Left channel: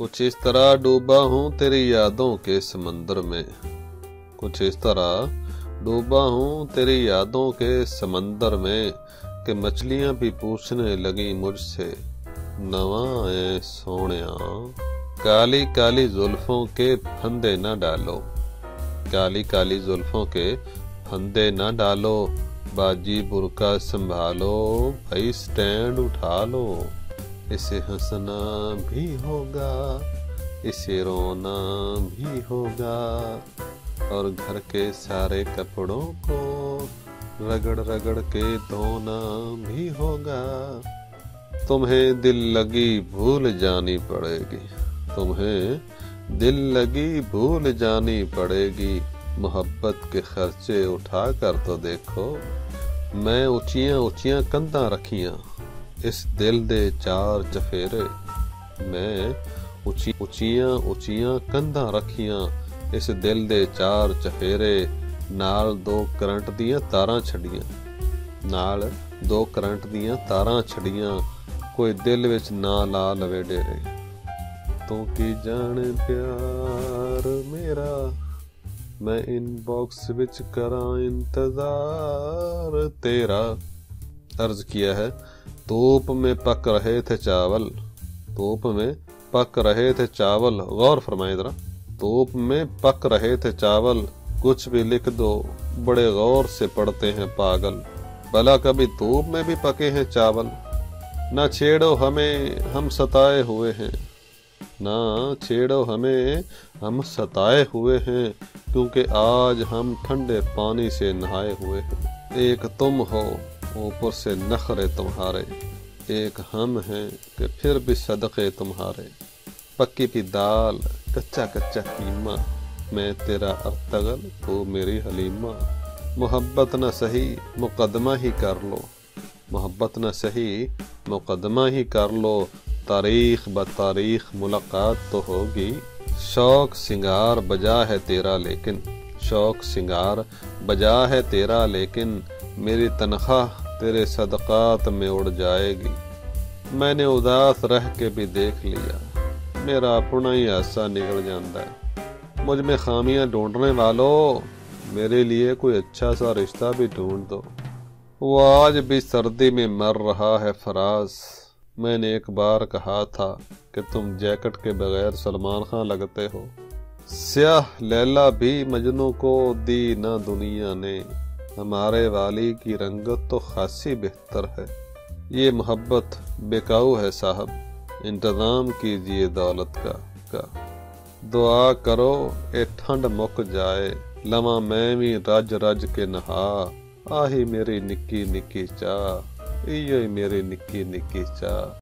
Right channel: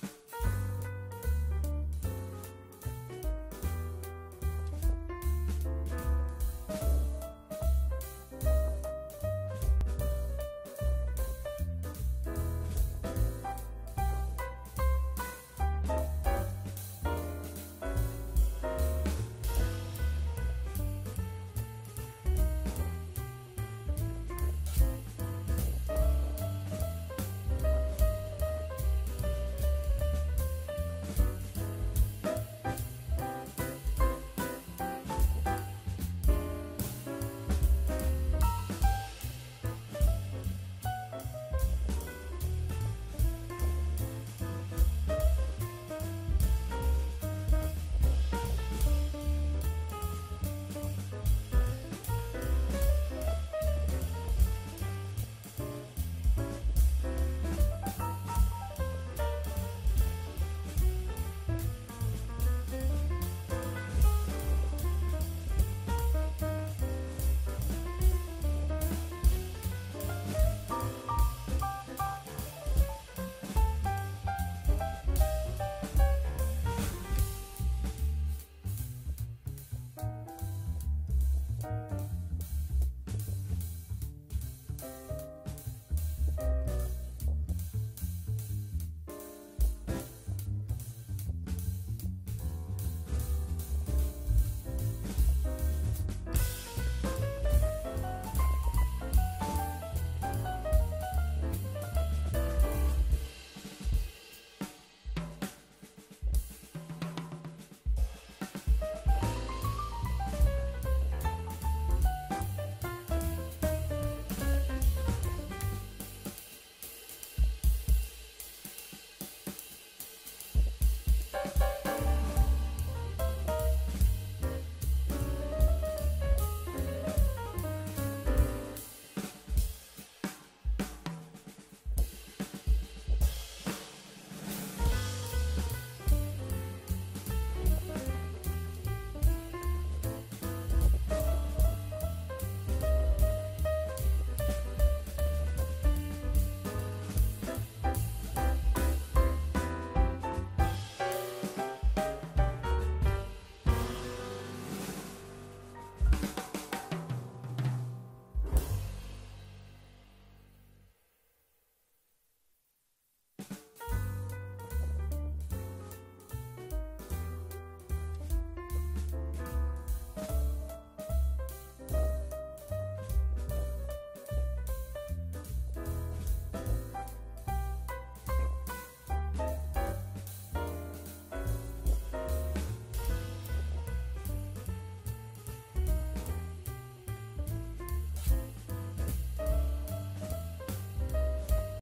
कुछ इस तरह डूबा हूँ तेरी यादों के समंदर में, कुछ इस तरह डूबा हूँ तेरी यादों के समंदर में कि मछलियां भी पूछने लगी मुझसे नवा है सोनिया। काली काली जुल्फों के फंदे न डालो, काली काली जुल्फों के फंदे न डालो, बाजी बुरका संभालो, भाई स्टैंड उठा लो। इसे हंसना भी होगा, इसे रोना भी होगा, और घर के सारे कपड़ों को रगड़ रगड़ के धोना भी होगा। तुम्हें दिल लगी भूल जानी पड़ेगी, तुम्हें दिल लगी भूल जानी पड़ेगी, मोहब्बत के खर्चे उठा कर तो देखो। मैं ऊंचियां ऊंचियां कंधा रखियां, इस दिल दे चार चफेरे। मैं ऊंचियां ऊंचियां कंधा रखियां, इस दिल दे चार चफेरे। नाल दो करंट दियां तारां छड़ियां, नाल दो करंट दियां तारां छड़ियां, कोई दिल विच ना ला लवे डेरे। तू की जाने प्यार मेरा, मैं इनबॉक्स विच करा इंतजार तेरा। अर्ज किया है, धूप में पक रहे थे चावल, धूप में पक रहे थे चावल। गौर फरमाए जरा, धूप में पक रहे थे चावल, कुछ भी लिख दो बड़े गौर से पढ़ते हैं पागल। भला कभी धूप में भी पके हैं चावल, ना छेड़ो हमें हम सताए हुए हैं, ना छेड़ो हमें हम सताए हुए हैं, क्योंकि आज हम ठंडे पानी से नहाए हुए हैं। एक तुम हो ऊपर से नखरे तुम्हारे, एक हम हैं कि फिर भी सदक़े तुम्हारे। पक्की भी दाल कच्चा कच्चा कीमा, मैं तेरा अब्तगल तू मेरी हलीमा। मोहब्बत न सही मुकदमा ही कर लो, मोहब्बत न सही मुकदमा ही कर लो, तारीख ब तारीख मुलाकात तो होगी। शौक सिंगार बजा है तेरा लेकिन, शौक सिंगार बजा है तेरा लेकिन, मेरी तनख्वाह तेरे सदक़ात में उड़ जाएगी। मैंने उदास रह के भी देख लिया, मेरा अपना ही हासा निकल जाता है। मुझ में खामियां ढूंढने वालों, मेरे लिए कोई अच्छा सा रिश्ता भी ढूंढ दो। वो आज भी सर्दी में मर रहा है फराज। मैंने एक बार कहा था कि तुम जैकेट के बगैर सलमान खान लगते हो। स्याह लैला भी मजनू को दी ना दुनिया ने, हमारे वाली की रंगत तो खासी बेहतर है। ये मोहब्बत बेकाऊ है साहब, इंतज़ाम कीजिए दौलत का। दुआ करो ए ठंड मुक जाए, लवा मैं भी रज रज के नहा। आही मेरी निक्की निक्की चाह, इयो मेरी निक्की निक्की चाह।